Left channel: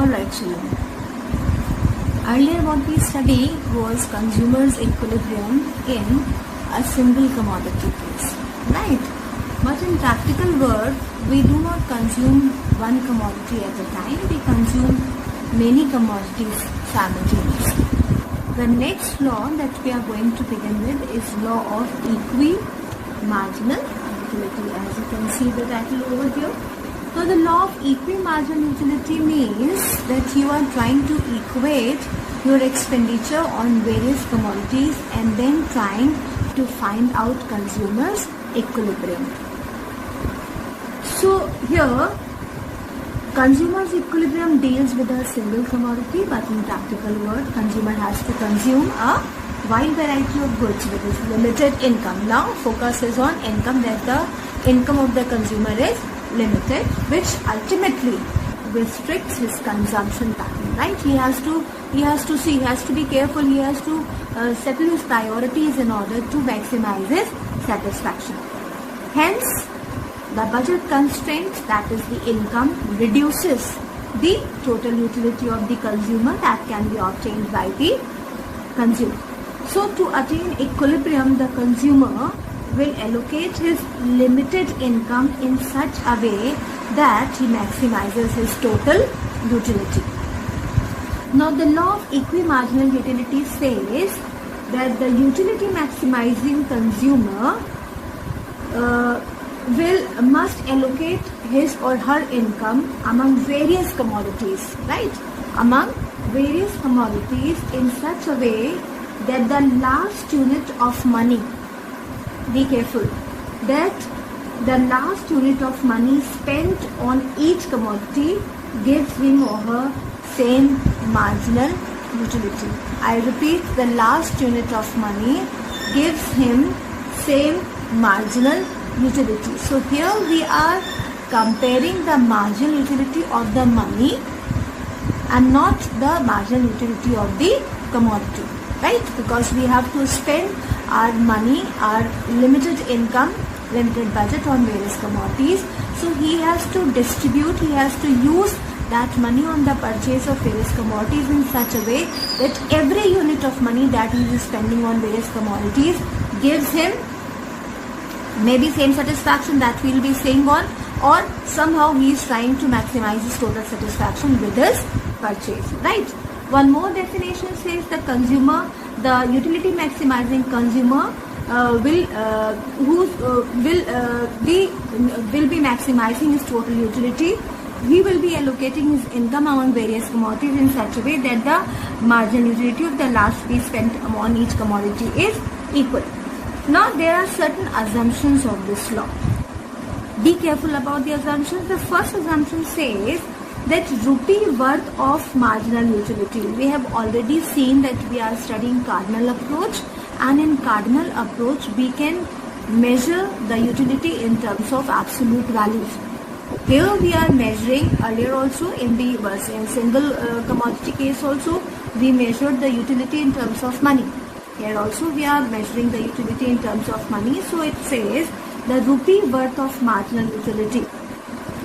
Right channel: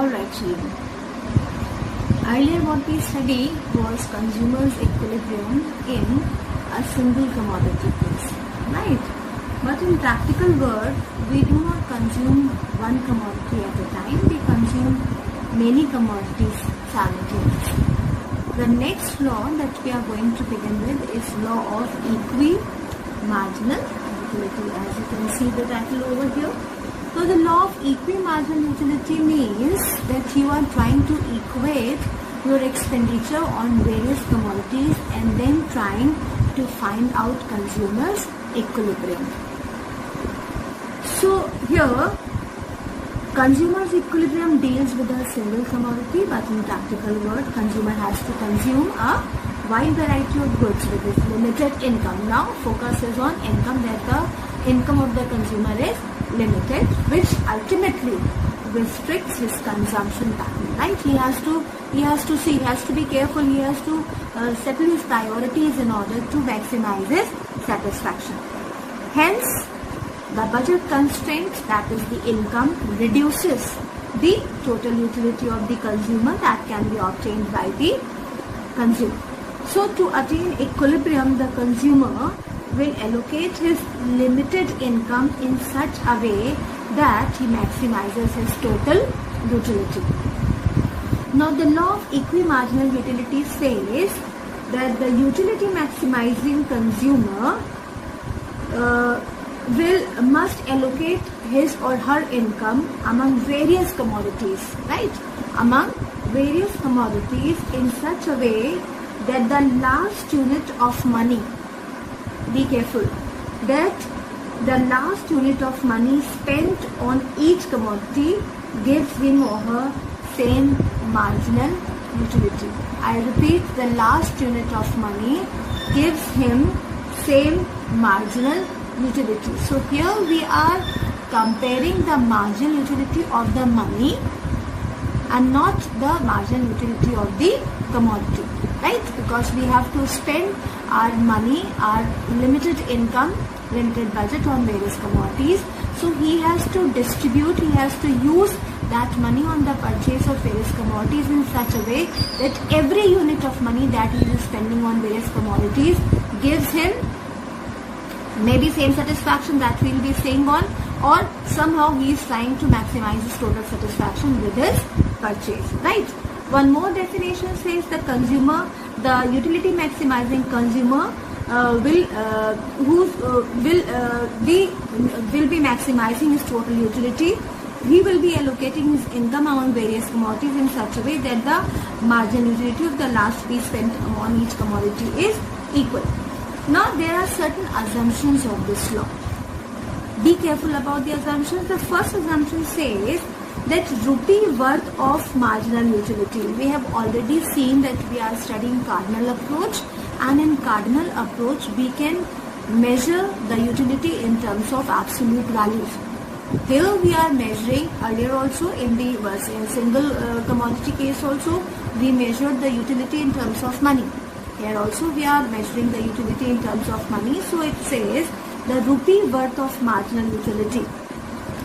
Alright children, earlier what we studied was consumers' equilibrium in a single commodity case, right? But in practical world, we do not consume one commodity at a time, we consume many commodities simultaneously. The next law that we are going to begin with is law of equimarginal utility, as you can see the title over here. So the law of equimarginal utility means that you are trying to equate your expenditure on various commodities and then trying to find out consumers' equilibrium. So here, consumers' equilibrium deals with a single commodity, but in practical world, consumer has to consume a wide variety of goods with his limited income. Now focus is on income, that the income of the consumer is limited, which ultimately restricts his consumption pattern, right? He has to be careful, he has to settle his priorities in order to maximize his satisfaction. Hence, the budget constraint, that is the income, reduces the total utility of the consumer that can be obtained by the consumer. So to attain equilibrium, the consumer will allocate his limited income in such a way that he maximizes his total utility. Now the law of equimarginal utility says that the utility maximizing consumer must allocate his or her income among various commodities, right? Among various commodities in such a way that the last unit of money, be careful, that the last unit of money spent on each commodity gives him or her same marginal utility. I repeat, the last unit of money gives him same marginal utility. So here we are comparing the marginal utility of the money and not the marginal utility of the commodity, right? Because we have to spend our money, our limited income, limited budget on various commodities. So he has to distribute, he has to use that money on the purchase of various commodities in such a way that every unit of money that he is spending on various commodities gives him maybe same satisfaction that we will be saying on, or somehow he is trying to maximize his total satisfaction with his purchase, right? One more definition says the consumer, the utility maximizing consumer will be maximizing his total utility. He will be allocating his income among various commodities in such a way that the marginal utility of the last piece spent on each commodity is equal. Now there are certain assumptions of this law. Be careful about the assumptions. The first assumption says that rupee worth of marginal utility. We have already seen that we are studying cardinal approach, and in cardinal approach we can measure the utility in terms of absolute values. Here we are measuring, earlier also in the single commodity case also, we measured the utility in terms of money. Here also we are measuring the utility in terms of money. So it says the rupee worth of marginal utility.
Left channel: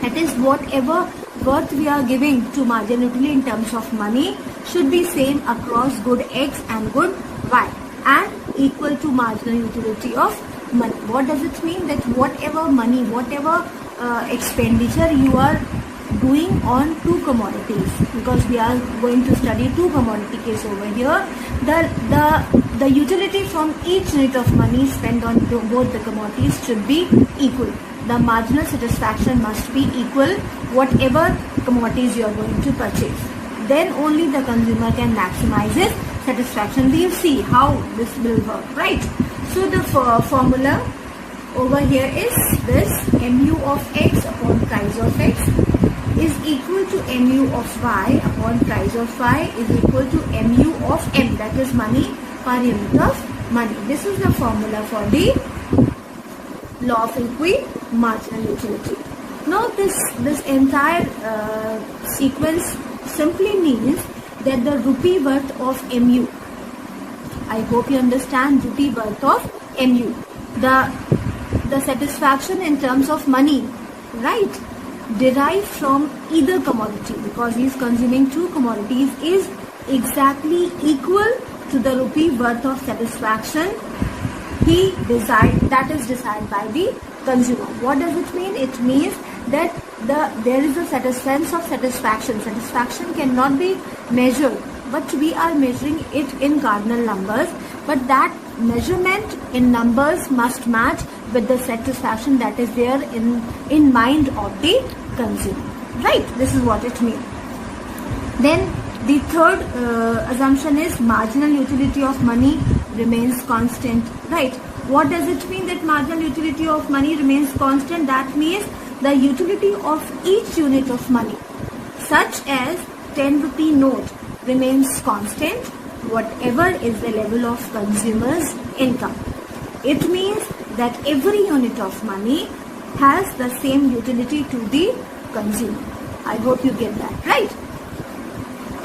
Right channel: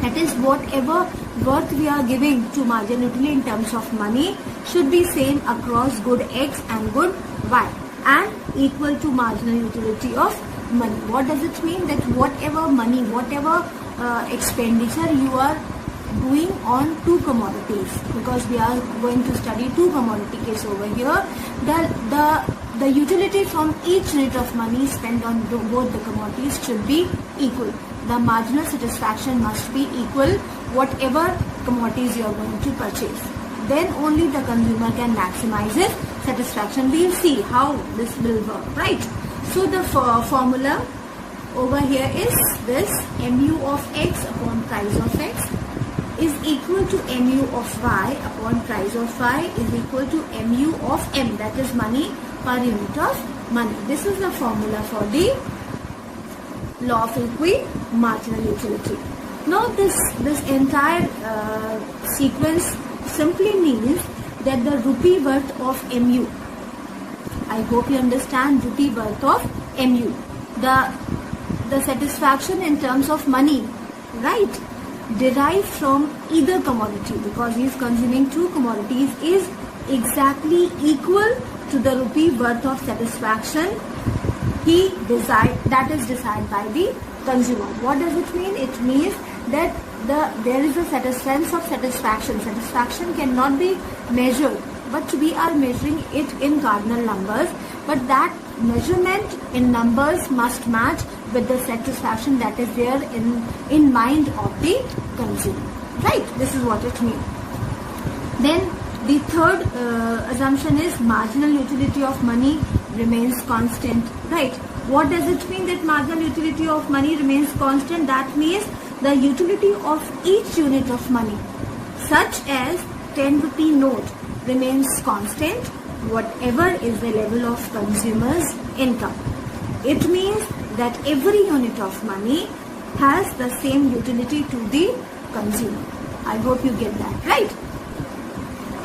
That is, whatever worth we are giving to marginal utility in terms of money should be same across good X and good Y and equal to marginal utility of money. What does it mean? That whatever money, whatever expenditure you are doing on two commodities, because we are going to study two commodity case over here, the utility from each unit of money spent on both the commodities should be equal. The marginal satisfaction must be equal whatever commodities you are going to purchase. Then only the consumer can maximize his satisfaction. We'll see how this will work, right? So the formula over here is this: mu of x upon price of x is equal to mu of y upon price of y is equal to mu of m, that is money per unit of money. This is the formula for the law of equimarginal utility. Now this entire sequence simply means that the rupee worth of mu, I hope you understand, rupee worth of mu, the satisfaction in terms of money, right? derived from either commodity, because he is consuming two commodities, is exactly equal to the rupee worth of satisfaction that is desired by the consumer. What does it mean? It means that there is a sense of satisfaction. Satisfaction cannot be measured, but we are measuring it in cardinal numbers. But that measurement in numbers must match with the satisfaction that is there in mind of the consumer. Right? This is what it means. Then the third assumption is marginal utility of money remains constant. Right? What does it mean that marginal utility of money remains constant? That means the utility of each unit of money, such as 10 rupee note, remains constant whatever is the level of consumer's income. It means that every unit of money has the same utility to the consumer. I hope you get that, right?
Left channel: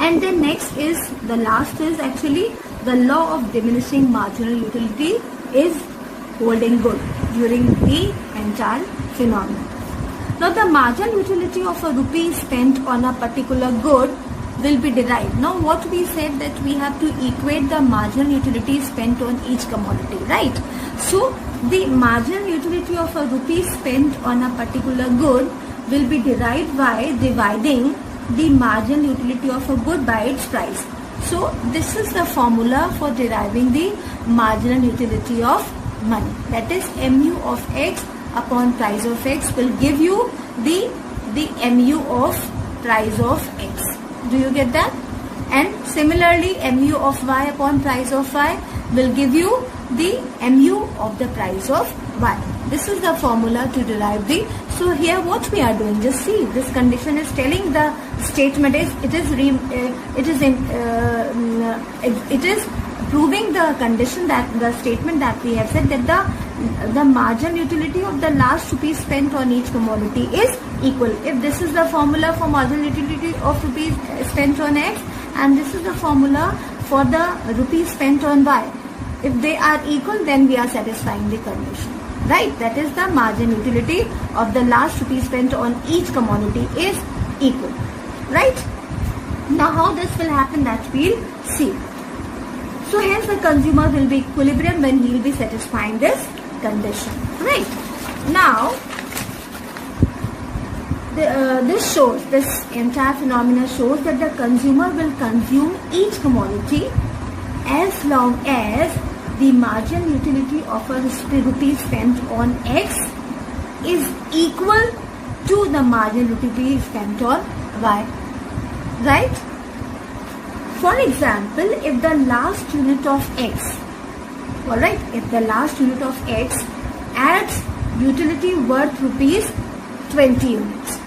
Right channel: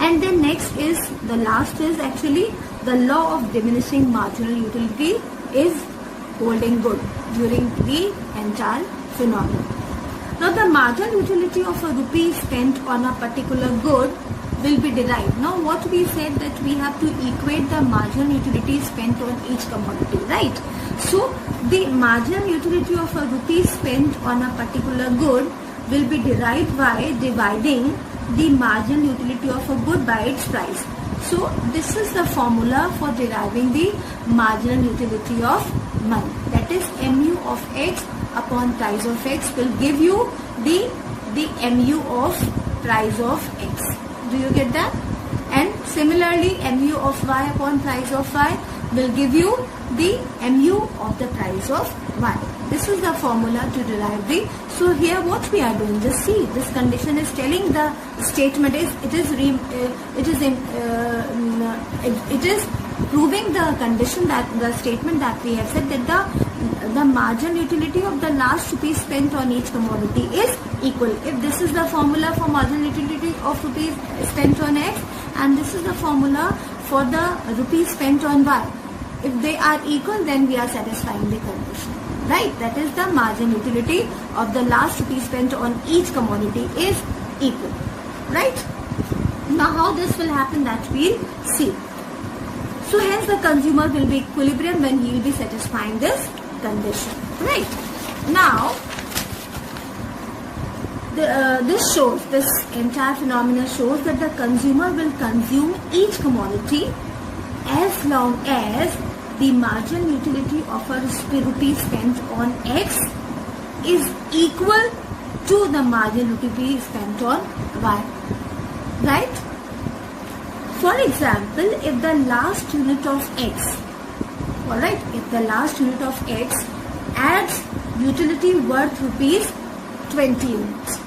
And then next is, the last is actually the law of diminishing marginal utility is holding good during the entire phenomenon. Now the marginal utility of a rupee spent on a particular good will be derived. Now what we said, that we have to equate the marginal utility spent on each commodity, right? So the marginal utility of a rupee spent on a particular good will be derived by dividing the marginal utility of a good by its price. So this is the formula for deriving the marginal utility of money. That is, mu of x upon price of x will give you the mu of price of x. Do you get that? And similarly, mu of y upon price of y will give you the mu of the price of y. This is the formula to derive the. So here what we are doing, just see, this condition is telling the statement is it is proving the condition, that the statement that we have said, that the marginal utility of the last rupee spent on each commodity is equal. If this is the formula for marginal utility of rupees spent on x, and this is the formula for the rupees spent on y, if they are equal, then we are satisfying the condition. Right? That is, the marginal utility of the last rupee spent on each commodity is equal. Right? Now how this will happen, that we'll see. So hence the consumer will be equilibrium when he will be satisfying this condition. Right? Now this entire phenomena shows that the consumer will consume each commodity as long as the marginal utility of a rupee spent on x is equal to the marginal utility spent on y. Right? For example, if the last unit of x, alright, if the last unit of x adds utility worth rupees 20 units,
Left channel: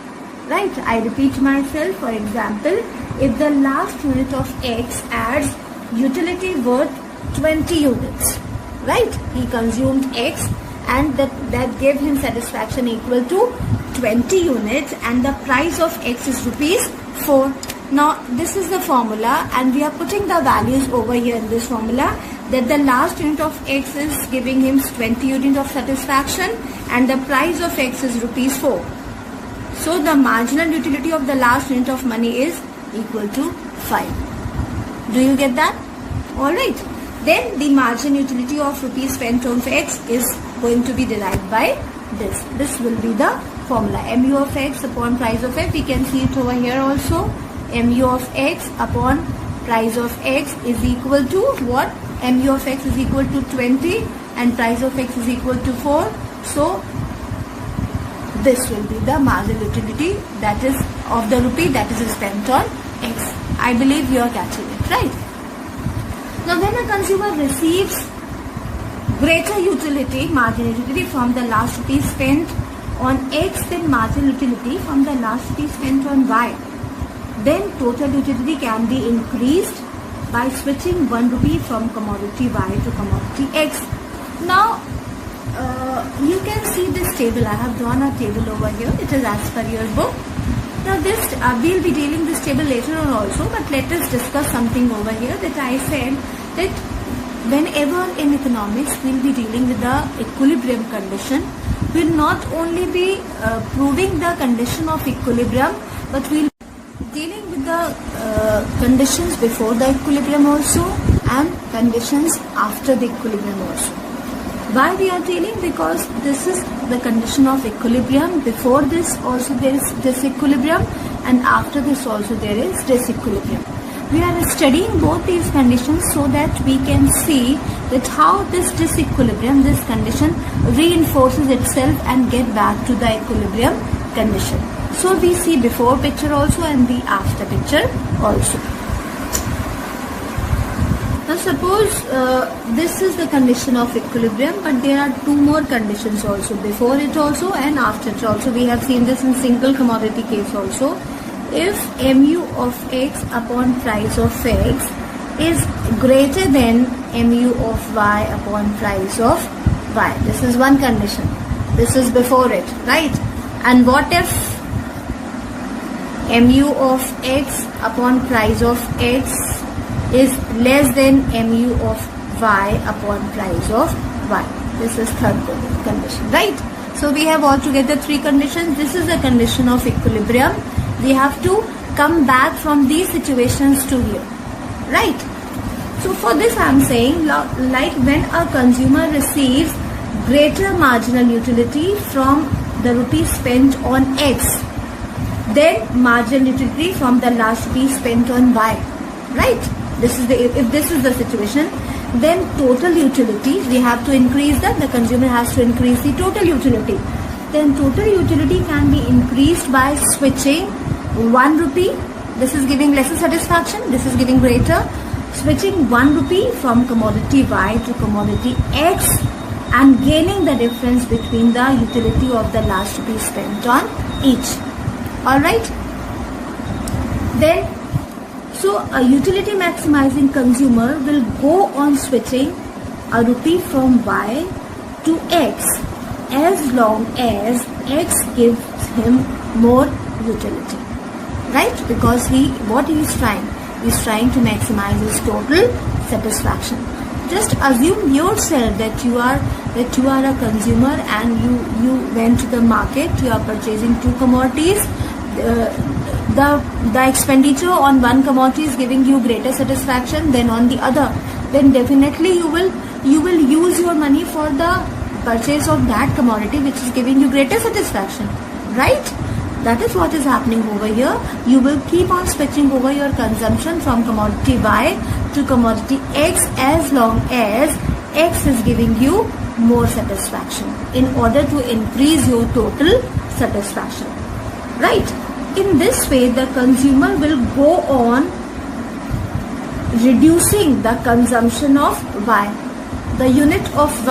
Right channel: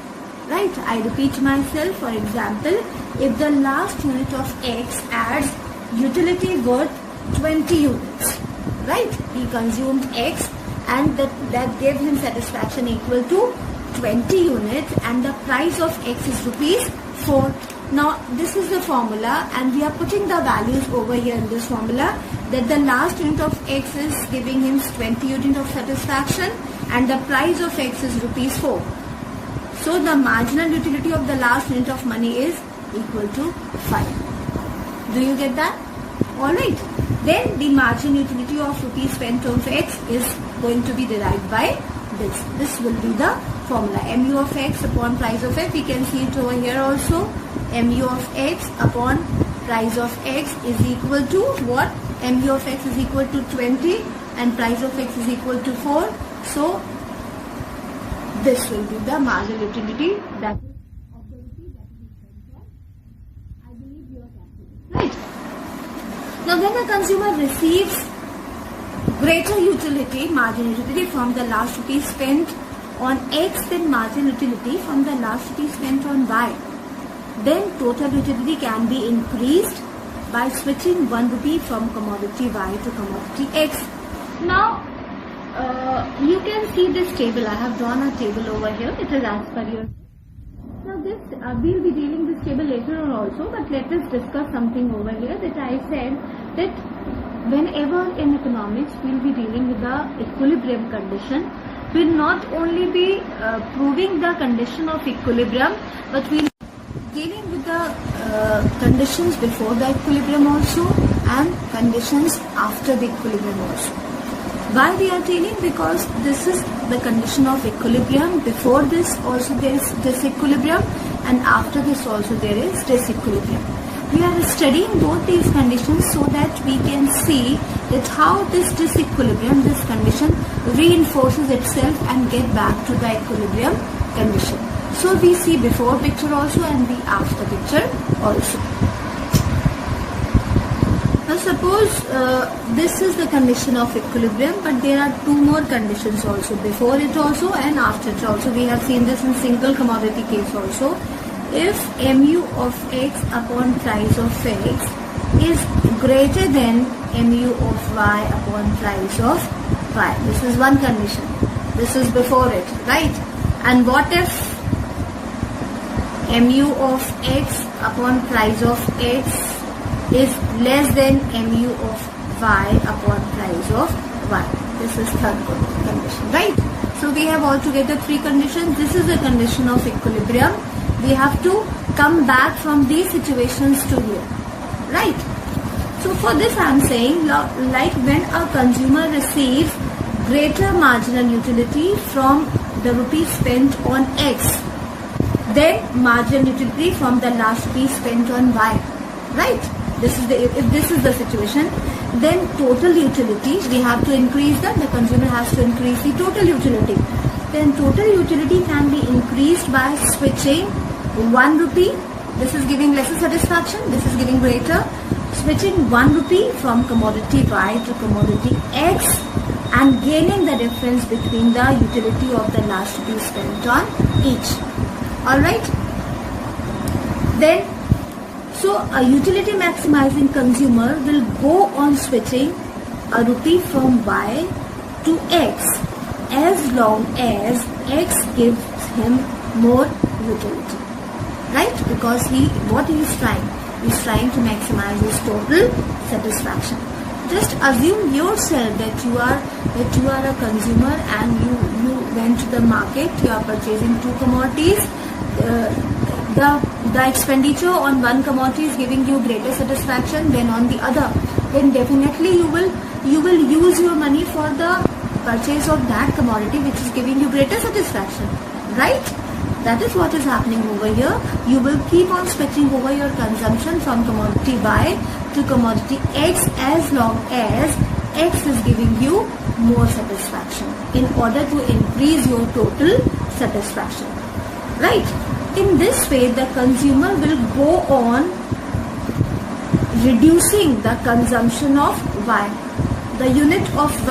right? I repeat myself. For example, if the last unit of x adds utility worth 20 units, right? He consumed x and that gave him satisfaction equal to 20 units, and the price of x is rupees 4. Now this is the formula, and we are putting the values over here in this formula, that the last unit of x is giving him 20 units of satisfaction and the price of x is rupees 4. So the marginal utility of the last unit of money is equal to 5. Do you get that? Alright. Then the marginal utility of rupees spent on x is going to be derived by this. This will be the formula. Mu of x upon price of x. We can see it over here also. Mu of x upon price of x is equal to what? Mu of x is equal to 20 and price of x is equal to 4. So this will be the marginal utility, that is of the rupee that is spent on x. I believe you are catching it, right? Now when a consumer receives greater utility, marginal utility from the last rupee spent on x than marginal utility from the last rupee spent on y, then total utility can be increased by switching 1 rupee from commodity y to commodity x. Now you can see this table. I have drawn a table over here. It is as per your book. Now this we will be dealing this table later on also, but let us discuss something over here, that I said that whenever in economics we will be dealing with the equilibrium condition, will not only be proving the condition of equilibrium, but we'll dealing with the conditions before the equilibrium also and conditions after the equilibrium also. Why we are dealing? Because this is the condition of equilibrium. Before this also there is disequilibrium, and after this also there is disequilibrium. We are studying both these conditions so that we can see that how this disequilibrium, this condition reinforces itself and get back to the equilibrium condition. So we see before picture also and the after picture also. Now suppose this is the condition of equilibrium, but there are two more conditions also, before it also and after it also. We have seen this in single commodity case also. If mu of x upon price of x is greater than mu of y upon price of y. This is one condition. This is before it, right? And what if mu of x upon price of x is less than mu of y upon price of y? This is third condition, right? So we have altogether three conditions. This is a condition of equilibrium. We have to come back from these situations to here, right? So for this I am saying, like when a consumer receives greater marginal utility from the rupees spent on X, then marginal utility from the last rupees spent on Y, right? This is if this is the situation, then total utility, we have to increase that. The consumer has to increase the total utility. Then total utility can be increased by switching 1 rupee. This is giving lesser satisfaction. This is giving greater. Switching 1 rupee from commodity Y to commodity X and gaining the difference between the utility of the last rupee spent on each. Alright. Then, so a utility maximizing consumer will go on switching a rupee from Y to X as long as X gives him more utility. Right? Because what he is trying? He is trying to maximize his total satisfaction. Just assume yourself that you are a consumer and you went to the market. You are purchasing two commodities. The expenditure on one commodity is giving you greater satisfaction than on the other. Then definitely you will use your money for the purchase of that commodity which is giving you greater satisfaction, right? That is what is happening over here. You will keep on switching over your consumption from commodity Y to commodity X as long as X is giving you more satisfaction in order to increase your total satisfaction. Right? In this way, the consumer will go on reducing the consumption of Y. The unit of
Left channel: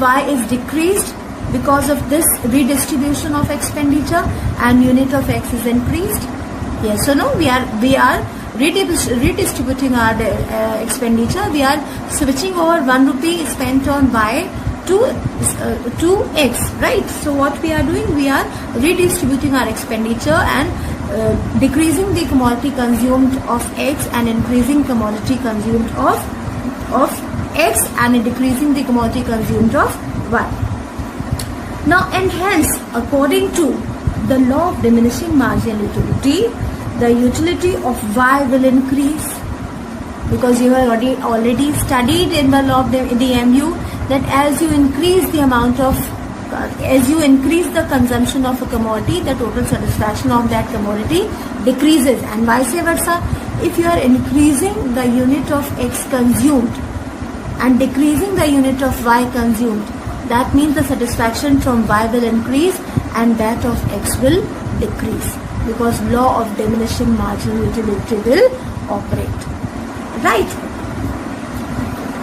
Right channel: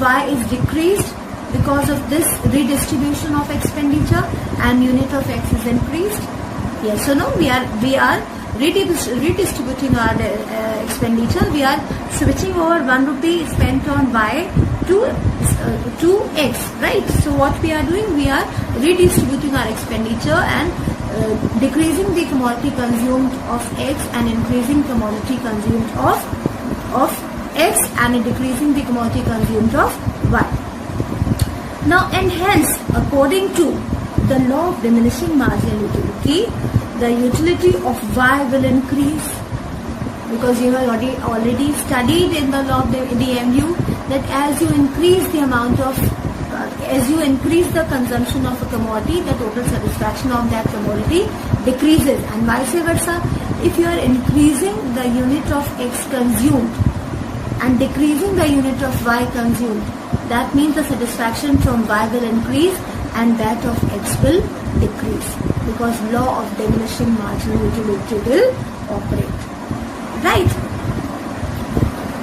Y is decreased because of this redistribution of expenditure, and unit of X is increased. Yes or no? We are redistributing our expenditure. We are switching over 1 rupee spent on Y to X, right? So what we are doing? We are redistributing our expenditure and decreasing the commodity consumed of X and increasing commodity consumed of X and decreasing the commodity consumed of Y. Now, and hence, according to the law of diminishing marginal utility, the utility of Y will increase, because you have already studied in the law of the DMU that as you increase the amount of, as you increase the consumption of a commodity, the total satisfaction of that commodity decreases, and vice versa. If you are increasing the unit of X consumed and decreasing the unit of Y consumed, that means the satisfaction from Y will increase and that of X will decrease, because law of diminishing marginal utility will operate. Right?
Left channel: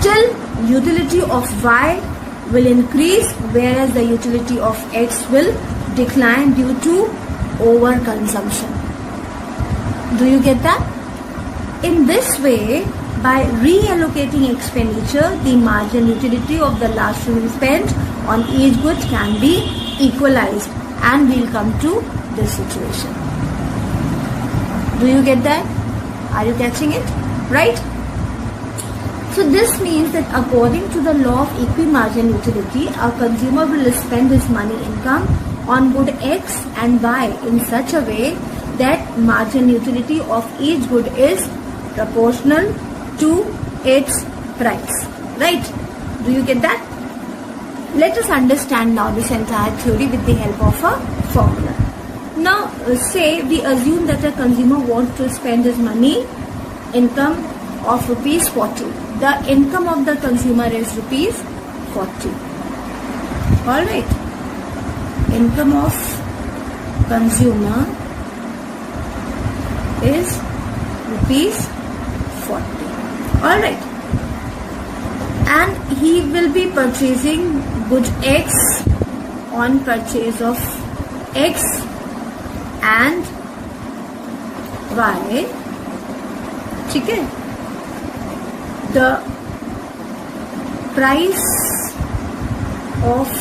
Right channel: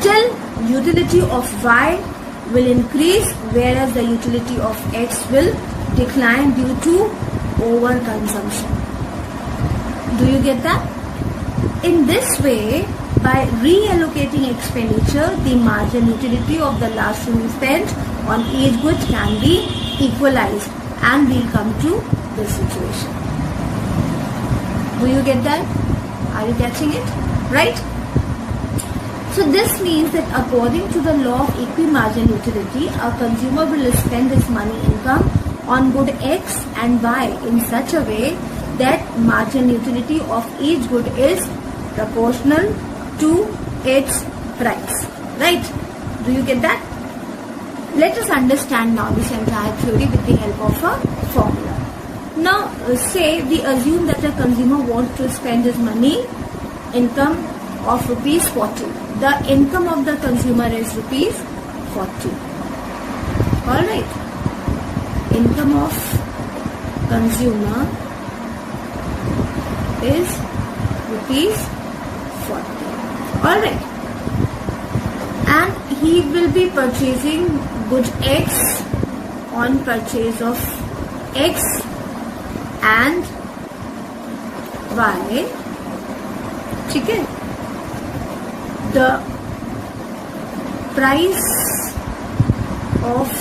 Till utility of Y will increase, whereas the utility of X will decline due to overconsumption. Do you get that? In this way, by reallocating expenditure, the marginal utility of the last rupee spent on each good can be equalized, and we will come to this situation. Do you get that? Are you catching it? Right? So this means that according to the law of equimargin utility, a consumer will spend his money income on good X and Y in such a way that margin utility of each good is proportional to its price. Right? Do you get that? Let us understand now this entire theory with the help of a formula. Now, say we assume that a consumer wants to spend his money income of rupees 40. The income of the consumer is rupees 40. Alright. Income of consumer is rupees 40. Alright. And he will be purchasing good X on purchase of X and Y. ठीक है? The price of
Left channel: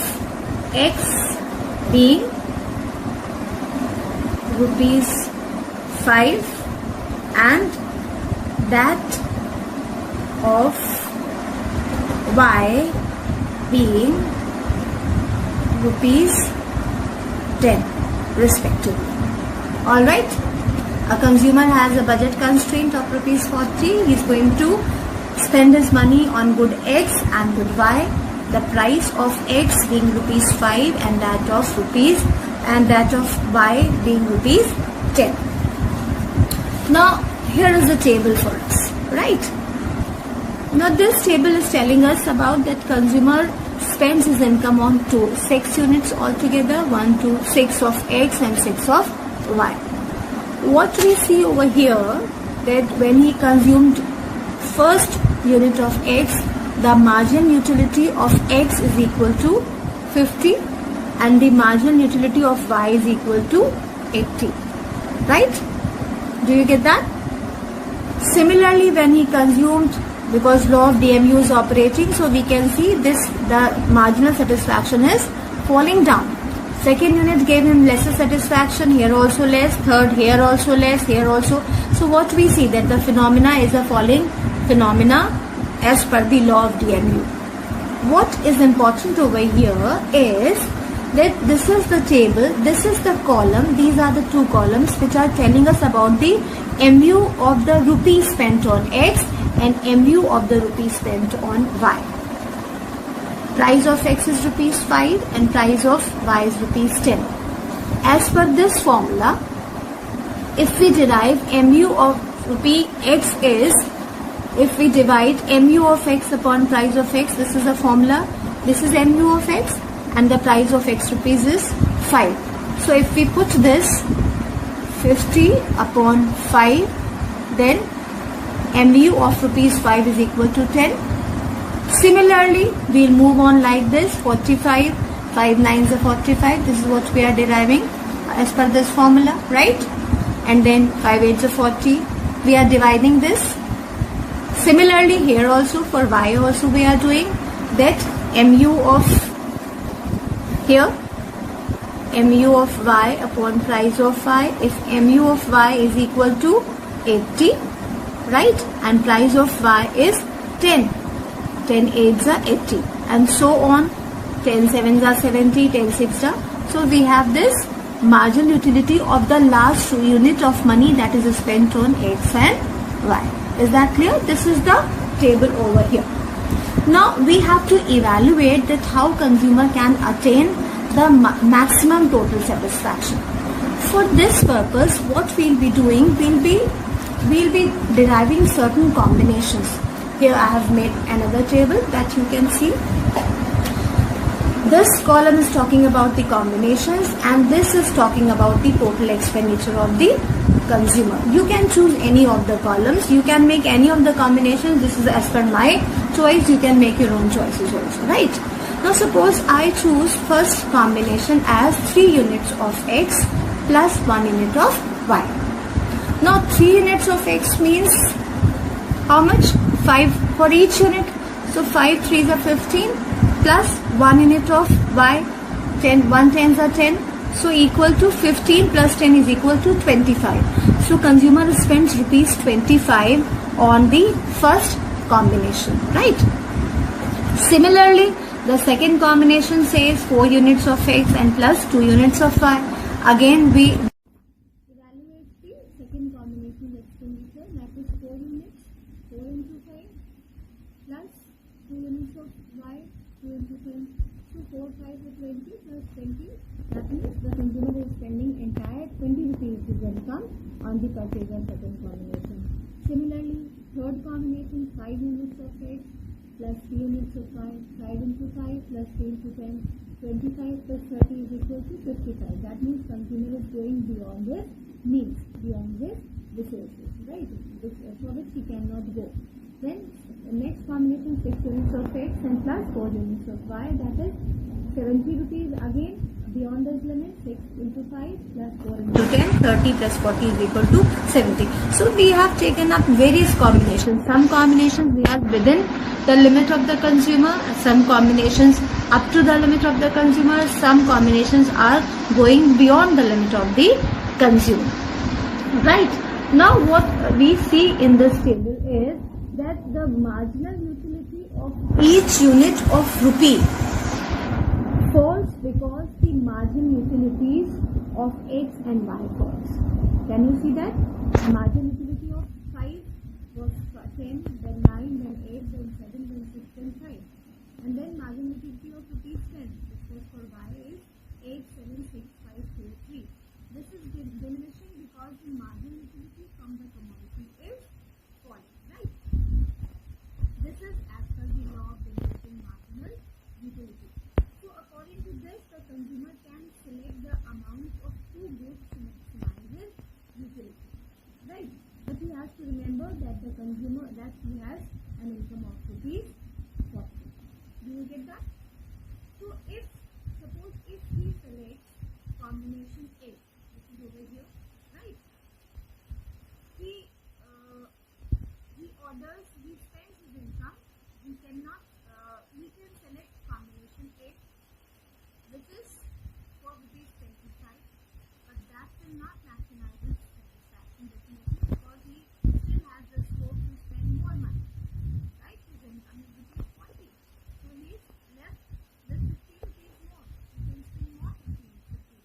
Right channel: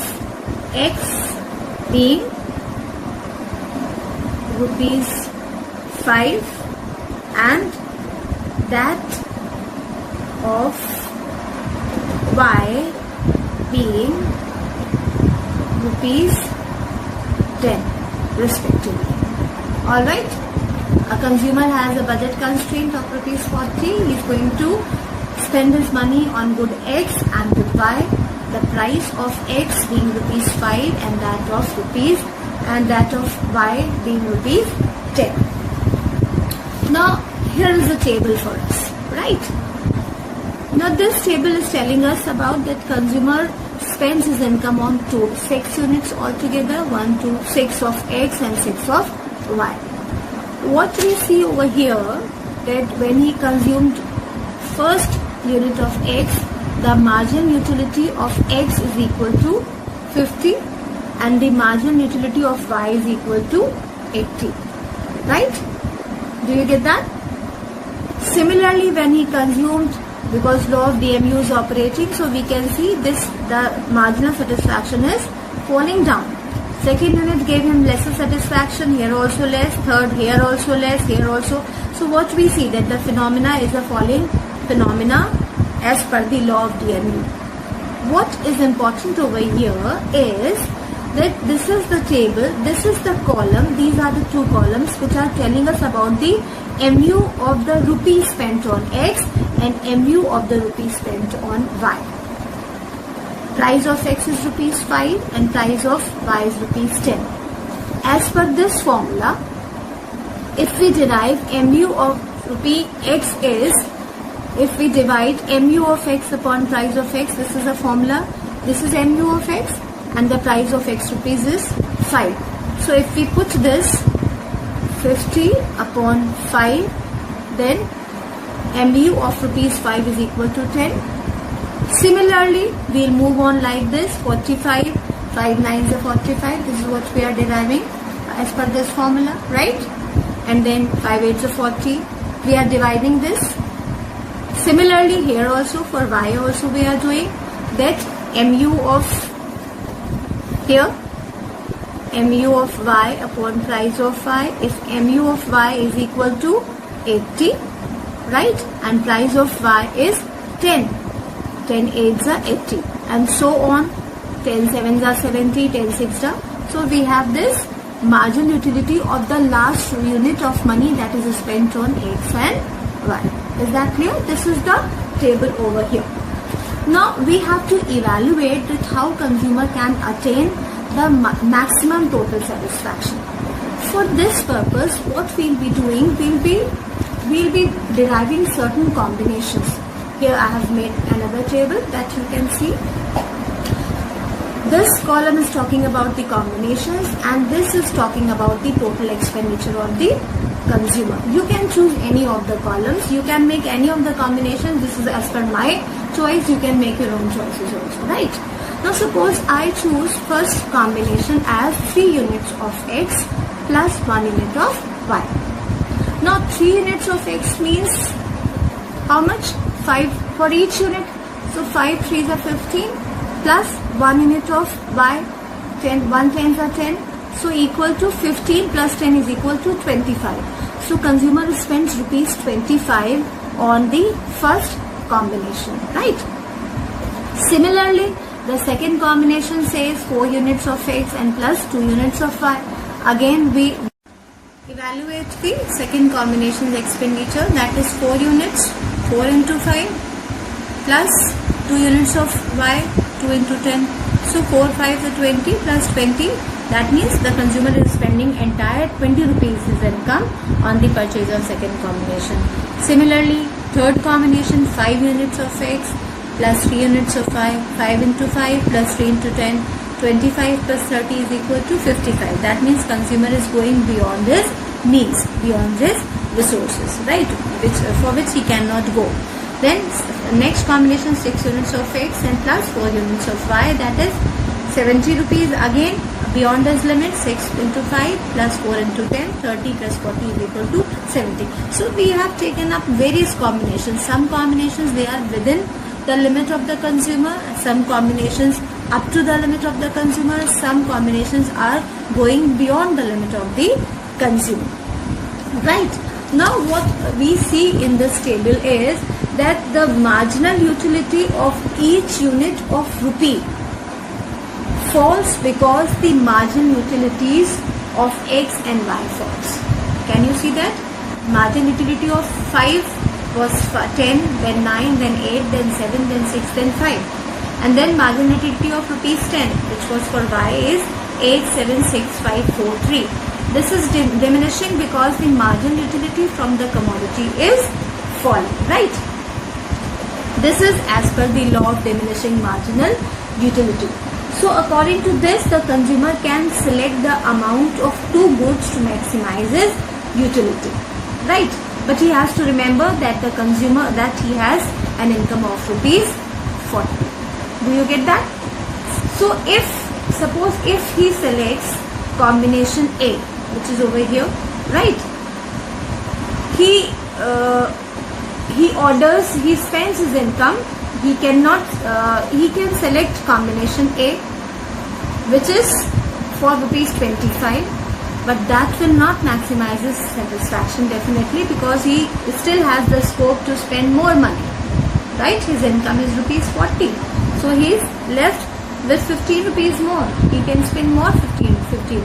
X being rupees 5 and that of Y being rupees 10 respectively. Alright? A consumer has a budget constraint of rupees 40. He is going to spend his money on good X and good Y. The price of X being rupees 5 and that of Y being rupees 10. Now here is a table for us, right? Now this table is telling us about that consumer spends his income on 6 units altogether, 1 to 6 of X and 6 of Y. What we see over here, that when he consumed first unit of X, the margin utility of X is equal to 50 and the margin utility of Y is equal to 80. Right? Do you get that? Similarly, when he consumed, because law of DMU is operating, so we can see this, the marginal satisfaction is falling down. Second unit gave him lesser satisfaction, here also less, third here also less, here also. So what we see, that the phenomena is a falling phenomena as per the law of DMU. What is important over here is that this is the table, this is the column, these are the two columns which are telling us about the MU of the rupee spent on X and MU of the rupee spent on Y. Price of X is rupees 5 and price of Y is rupees 10. As per this formula, if we derive MU of rupee X is, if we divide MU of X upon price of X, this is a formula, this is MU of X and the price of X rupees is 5. So if we put this 50 upon 5, then MU of rupees 5 is equal to 10. Similarly, we'll move on like this, 45, 5 nines are 45, this is what we are deriving as per this formula, right? And then 5 eights are 40, we are dividing this. Similarly, here also for Y also we are doing that MU of here, MU of Y upon price of Y, if MU of Y is equal to 80, right? And price of Y is 10. 10 8s are 80 and so on, 10 7s are 70, 10 6s are. So we have this margin utility of the last unit of money that is spent on X and Y. Is that clear? This is the table over here. Now we have to evaluate that how consumer can attain the maximum total satisfaction. For this purpose, what we'll be doing, we'll be deriving certain combinations. Here I have made another table that you can see. This column is talking about the combinations and this is talking about the total expenditure of the consumer. You can choose any of the columns. You can make any of the combinations. This is as per my choice. You can make your own choices also, right? Now suppose I choose first combination as 3 units of X plus 1 unit of Y. Now 3 units of X means how much? 5 for each unit. So 5 3s are 15 plus 1 unit of Y, 10, 1 10s are 10. So equal to 15 plus 10 is equal to 25. So consumer spends rupees 25 on the first combination, right? Similarly, the second combination says 4 units of X and plus 2 units of Y. Again, we evaluate the second combination's expenditure, that is 4 units, 4 into 5 plus 2 units of Y, 2 into 10. So 4 5 is 20 plus 20. That means the consumer is spending entire 20 rupees his income on the purchase of second combination. Similarly, third combination, 5 units of X plus 3 units of Y, 5 into 5 plus 3 into 10, 25 plus 30 is equal to 55. That means consumer is going beyond his needs, beyond his resources, right? For which he cannot go. Then next combination, 6 units of X and plus 4 units of Y, that is 70 rupees. Again, beyond his limit, 6 into 5 plus 4 into 10, 30 plus 40 is equal to 70. So we have taken up various combinations. Some combinations, they are within the limit of the consumer, some combinations up to the limit of the consumer, some combinations are going beyond the limit of the consumer, right? Now what we see in this table is that the marginal utility of each unit of rupee falls because the marginal utilities of X and Y falls. Can you see that? Marginal utility of 5 was 10, then 9, then 8, then 7, then 6, then 5. And then marginal utility of rupees 10, which was for Y, is 8, 7, 6, 5, 4, 3. This is diminishing because the marginal utility from the commodity is falling, right? This is as per the law of diminishing marginal utility. So according to this, the consumer can select the amount of 2 goods to maximize his utility, right? But he has to remember that the consumer, that he has an income of rupees 40. Do you get that? So suppose if he selects combination A, which is over here, right? He spends his income. He can select combination A, which is for rupees 25, but that will not maximize his satisfaction definitely, because he still has the scope to spend more money, right? His income is rupees 40, so he is left with 15 rupees more. He can spend more 15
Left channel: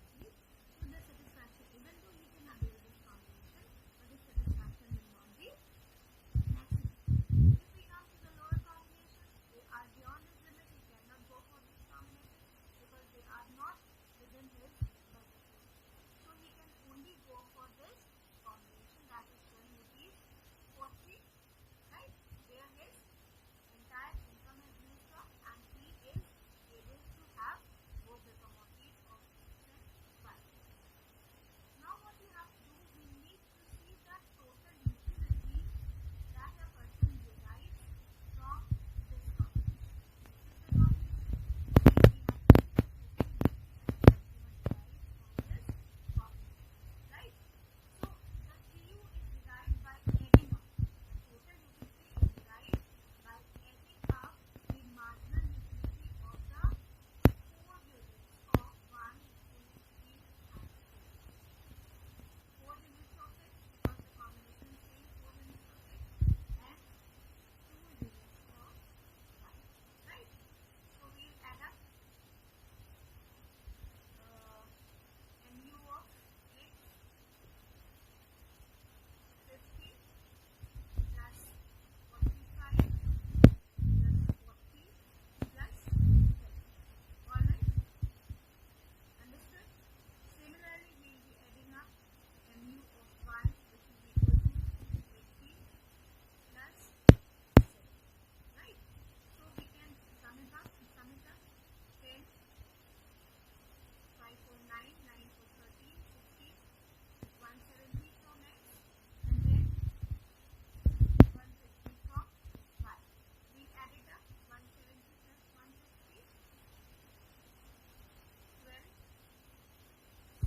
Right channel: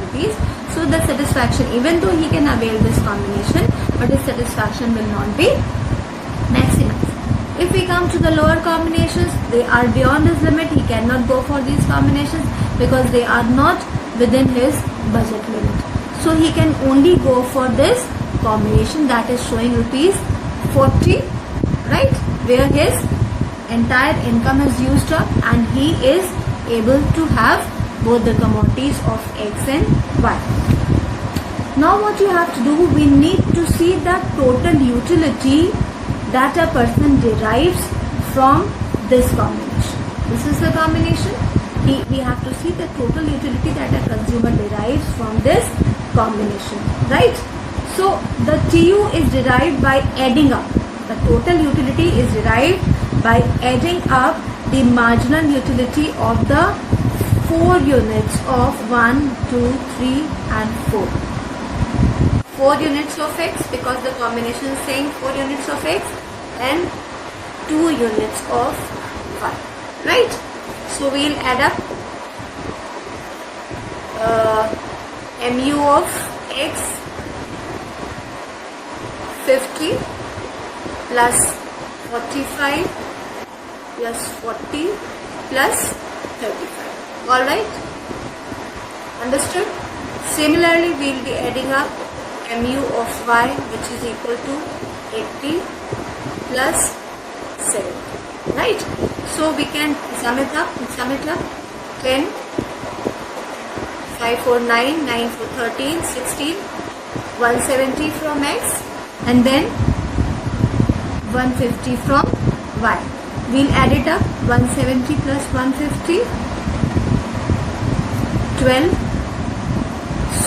rupees. So the satisfaction, even though he can avail this combination, but his satisfaction will not be maximized. If we come to the lower combinations, they are beyond his limit. He cannot go for these combinations because they are not within his budget limit. So he can only go for this combination that is showing rupees 40, right? Where his entire income is used up and he is able to have both the commodities of X and Y. Now what you have to do, we need to see the total utility that a person derives from this combination. This is the combination. We have to see the total utility that a consumer derives from this combination, right? So the TU is derived by adding up. The total utility is derived by adding up the marginal utility of the 4 units of 1, 2, 3 and 4. 4 units of X, because the combination is saying 4 units of X, and 2 units of Y, right? So we'll add up MU of X 50 plus 45 plus 40 plus 35. Alright? Understood? Similarly, we'll be adding up MU of Y, which is equal to 80 plus 7. Right? So we can sum it up. 10, 5 4 9, 9 4 13, 16, 170 from X and then 150 from Y. We'll add it up. 170 plus 150, 12.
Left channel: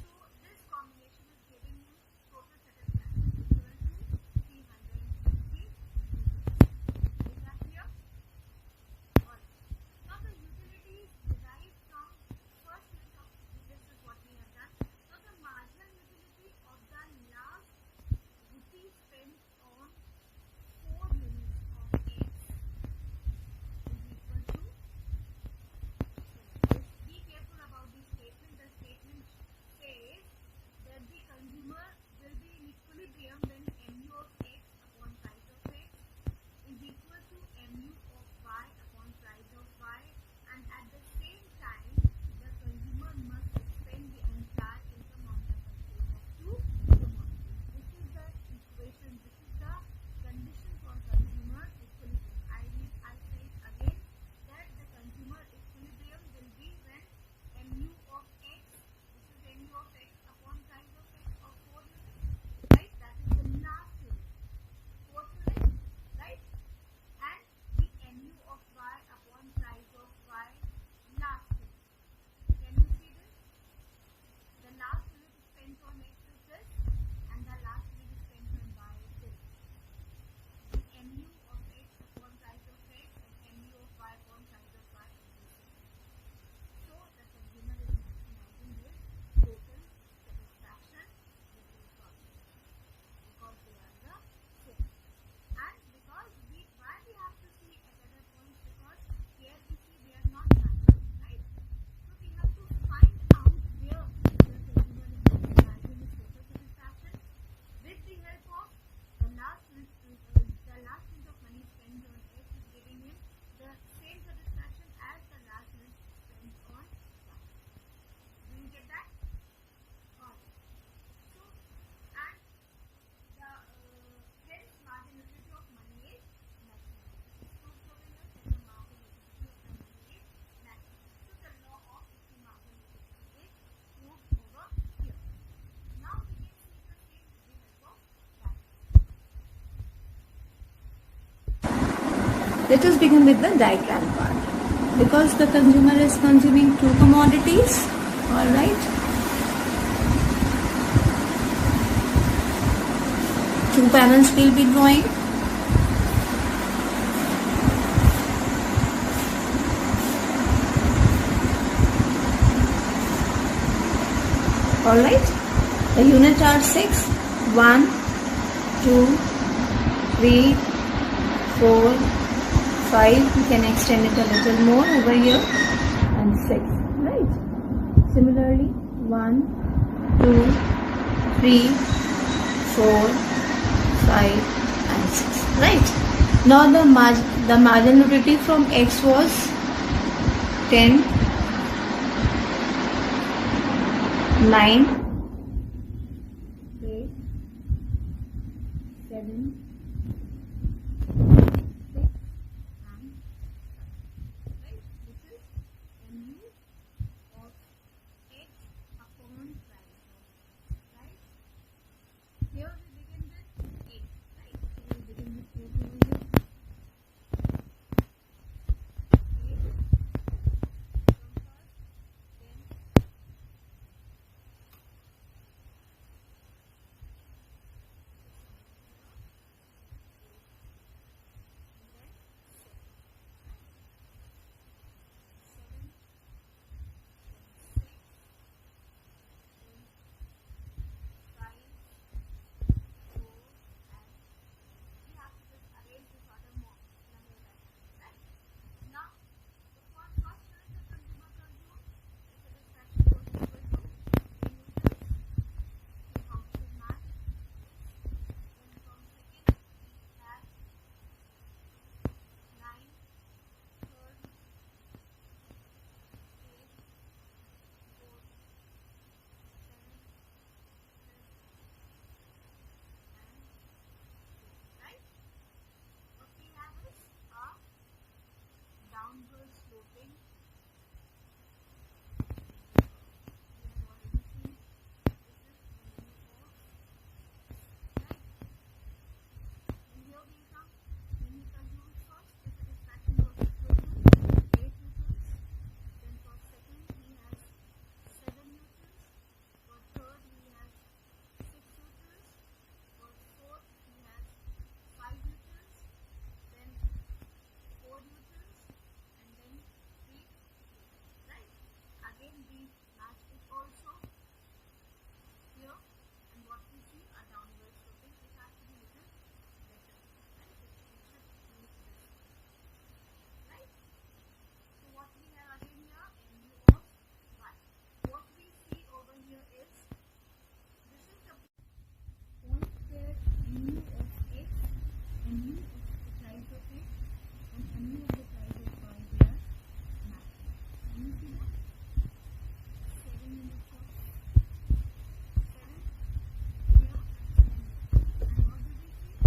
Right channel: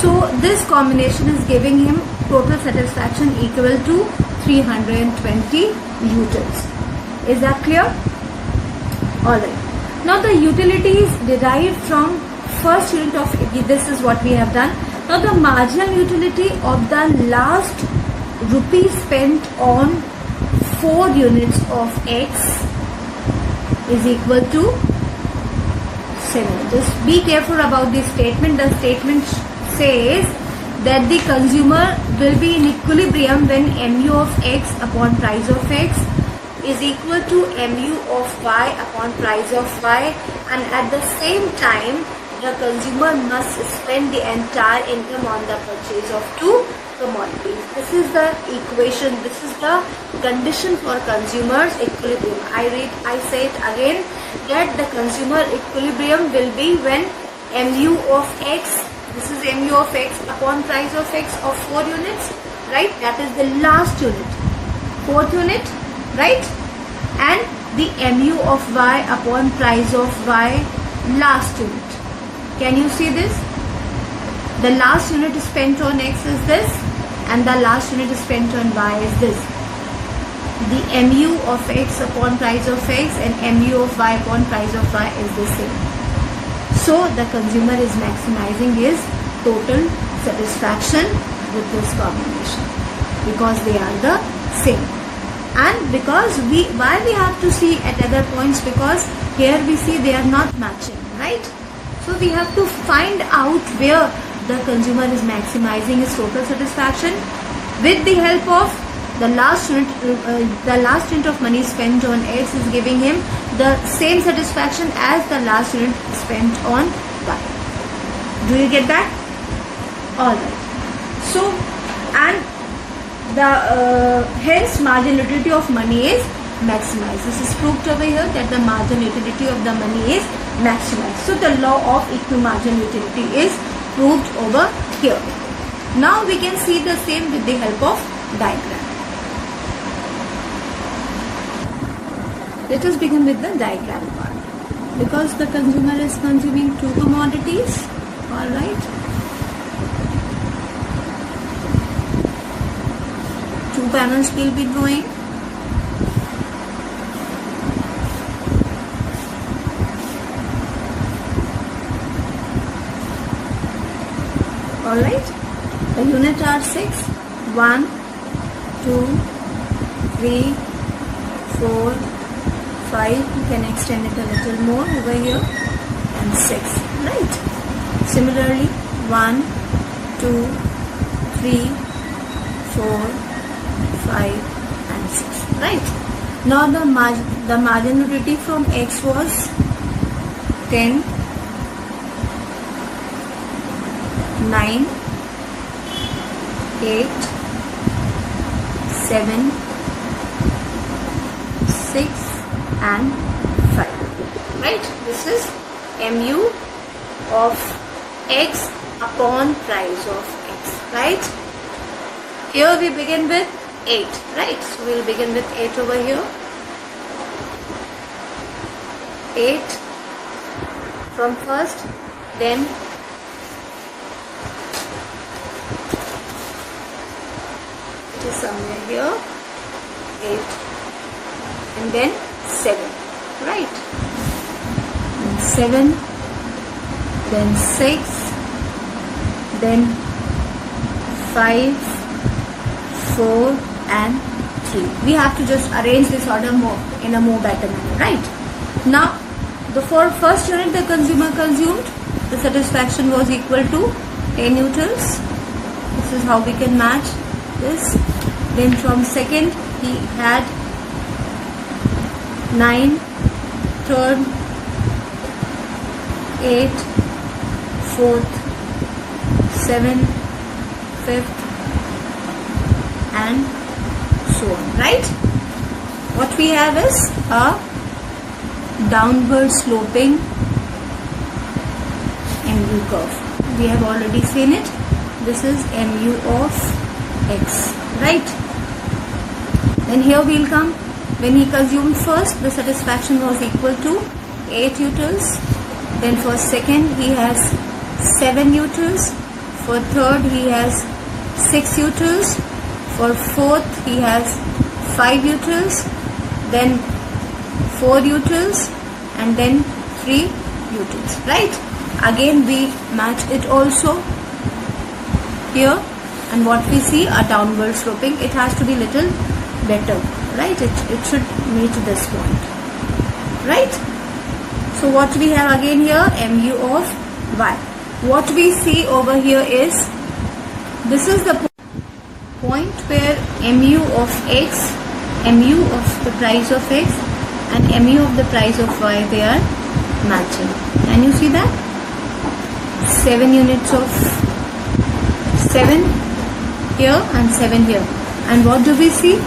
So this combination is giving him total satisfaction equal to 320 utils. Is that clear? Alright. Now the utility is derived from first unit of, this is what we have done. Now the marginal utility of the last rupee spent on 4 units of X is equal to 7. Just be careful about this statement. The statement says that the consumer will be in equilibrium when mu of X upon price of X is equal to mu of Y upon price of Y, and at the same time the consumer must spend the entire income on the purchase of 2 commodities. This is the equation, this is the condition for consumers equilibrium. I say it again, that the consumer equilibrium will be when mu of X, this is mu of X upon price of X of 4 units, right? That is the last unit, 4th unit, right? And the mu of Y upon price of Y, last unit. Can you see this? The last unit spent on X is this, and the last unit spent on Y is this. The mu of X upon price of X and mu of Y upon price of Y is the same. So the consumer is maximizing his total satisfaction with this combination because they are the same. And because why we have to see at other points, because here we see they are not matching, right? So we have to find out where the consumer is maximizing his total satisfaction with the help of the last unit of money spent on X is giving him the same satisfaction as the last unit spent on Y. Do you get that? Alright. So, and the hence marginal utility of money is maximized. This is proved over here that the marginal utility of the money is maximized. So the law of equal marginal utility is proved over here. Now we can see the same with the help of diagram. Let us begin with the diagram part. Because the consumer is consuming 2 commodities, alright. 2 panels will be drawing. Alright, the units are 6, 1, 2, 3, 4, 5, you can extend it a little more over here, and 6, right? Similarly, 1, 2, 3, 4, 5 and 6, right? Now the margin utility from X was 10, 9, 8, 7, 6 and 5, right? This is mu of X upon price of X, right? Here we begin with 8, right? So we will begin with 8 over here. 8 from first, then it is somewhere here, 8 and then 7, right? And 7, then 6, then 5, 4 and 3. We have to just arrange this order more in a more better manner, right? Now, the first unit the consumer consumed, the satisfaction was equal to 10 utils. This is how we can match this. Then from second he had 9, third 8, fourth 7, fifth and so on, right? What we have is a downward sloping mu curve. We have already seen it. This is mu of X, right? Then here we will come. When he consumed first, the satisfaction was equal to 8 utils. Then for second he has 7 utils. For third he has 6 utils. For fourth he has 5 utils. Then 4 utils and then 3 utils, right? Again we match it also here, and what we see, a downward sloping. It has to be little better, right? It should meet this point, right? So what we have again here, mu of y. What we see over here is, this is the point where mu of x, mu of the price of x and mu of the price of y, they are matching. Can you see that? 7 units of 7 here and 7 here. And what do we see?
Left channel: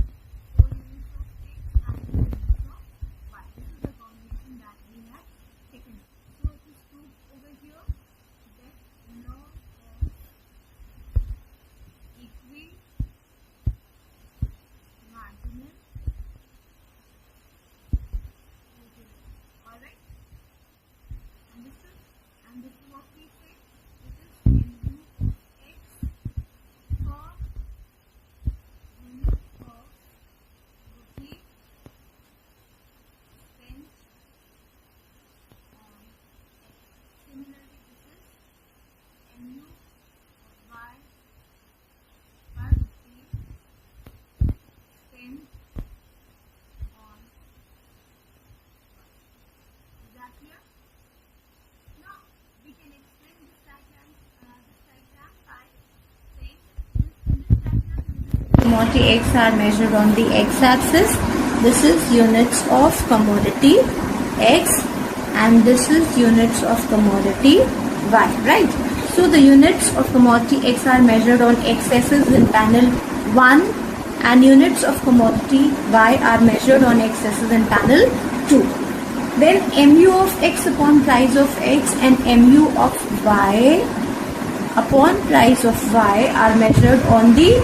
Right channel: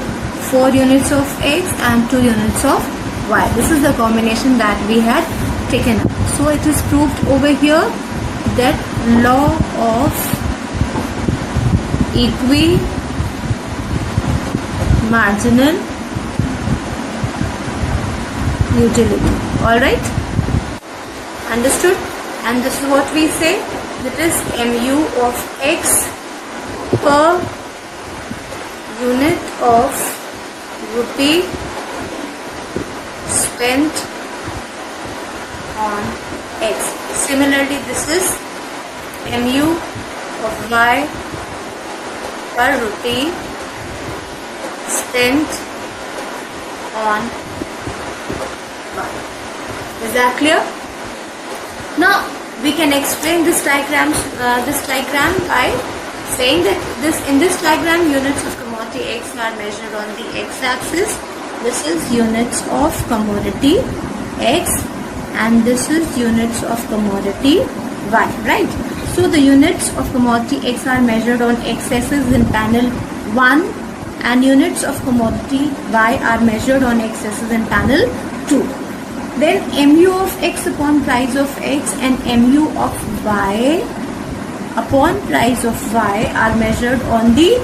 4 units of x and 2 units of y. This is the combination that we had taken up. So it is proved over here that law of equi-marginal utility. Alright? Understood? And this is what we say, that is mu of x per unit of rupee spent on x. Similarly, this is mu of y per rupee spent on y. Is that clear? Now we can explain this diagram by saying that in this diagram, units of commodity x are measured on the x-axis. This is units of commodity x and this is units of commodity y, right? So the units of commodity x are measured on x-axis in panel 1 and units of commodity y are measured on x-axis in panel 2. Then mu of x upon price of x and mu of y upon price of y are measured on the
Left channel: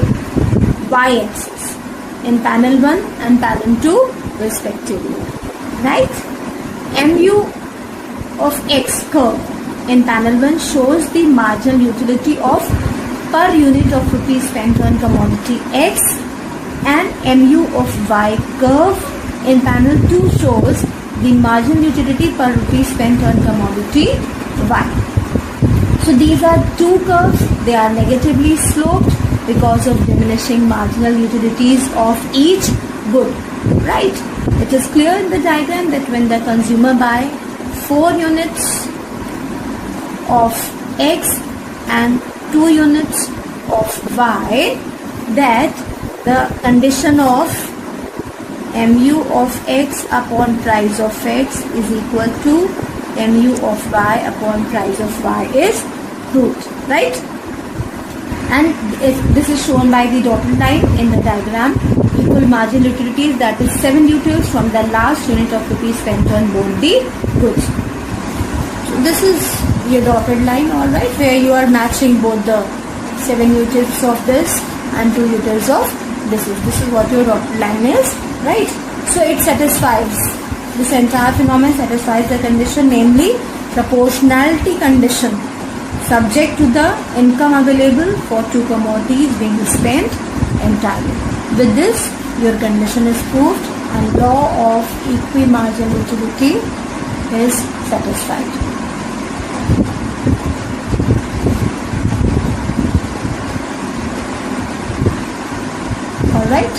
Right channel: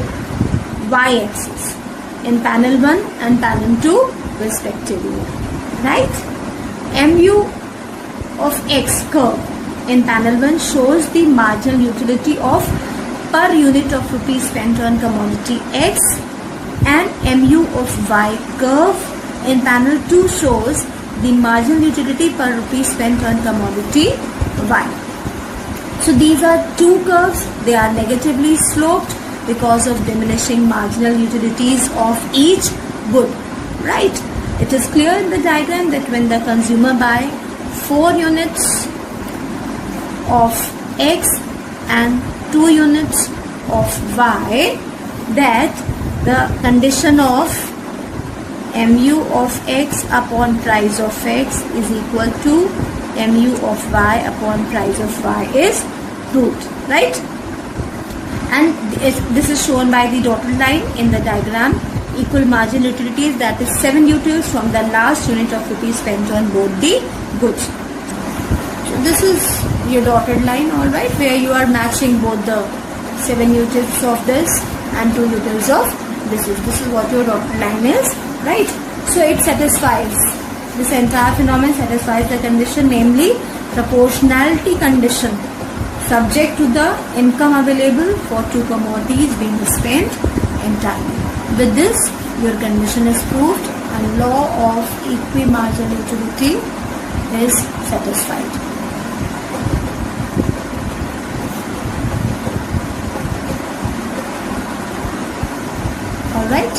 y-axis in panel 1 and panel 2 respectively, right? Mu of x curve in panel 1 shows the marginal utility of per unit of rupees spent on commodity x, and mu of y curve in panel 2 shows the marginal utility per rupee spent on commodity y. So these are two curves. They are negatively sloped because of diminishing marginal utilities of each good, right? It is clear in the diagram that when the consumer buy 4 units of x and 2 units of y, that the condition of mu of x upon price of x is equal to mu of y upon price of y is proved, right? And this is shown by the dotted line in the diagram. Equal marginal utilities, that is 7 utils from the last unit of rupees spent on both the goods. So this is your dotted line, alright, where you are matching both the 7 utils of this and 2 utils of this is what your dotted line is, right? So it satisfies, this entire phenomenon satisfies the condition, namely proportionality condition, subject to the income available for 2 commodities being spent entirely. With this, your condition is proved and law of equi-marginal utility is satisfied. Alright.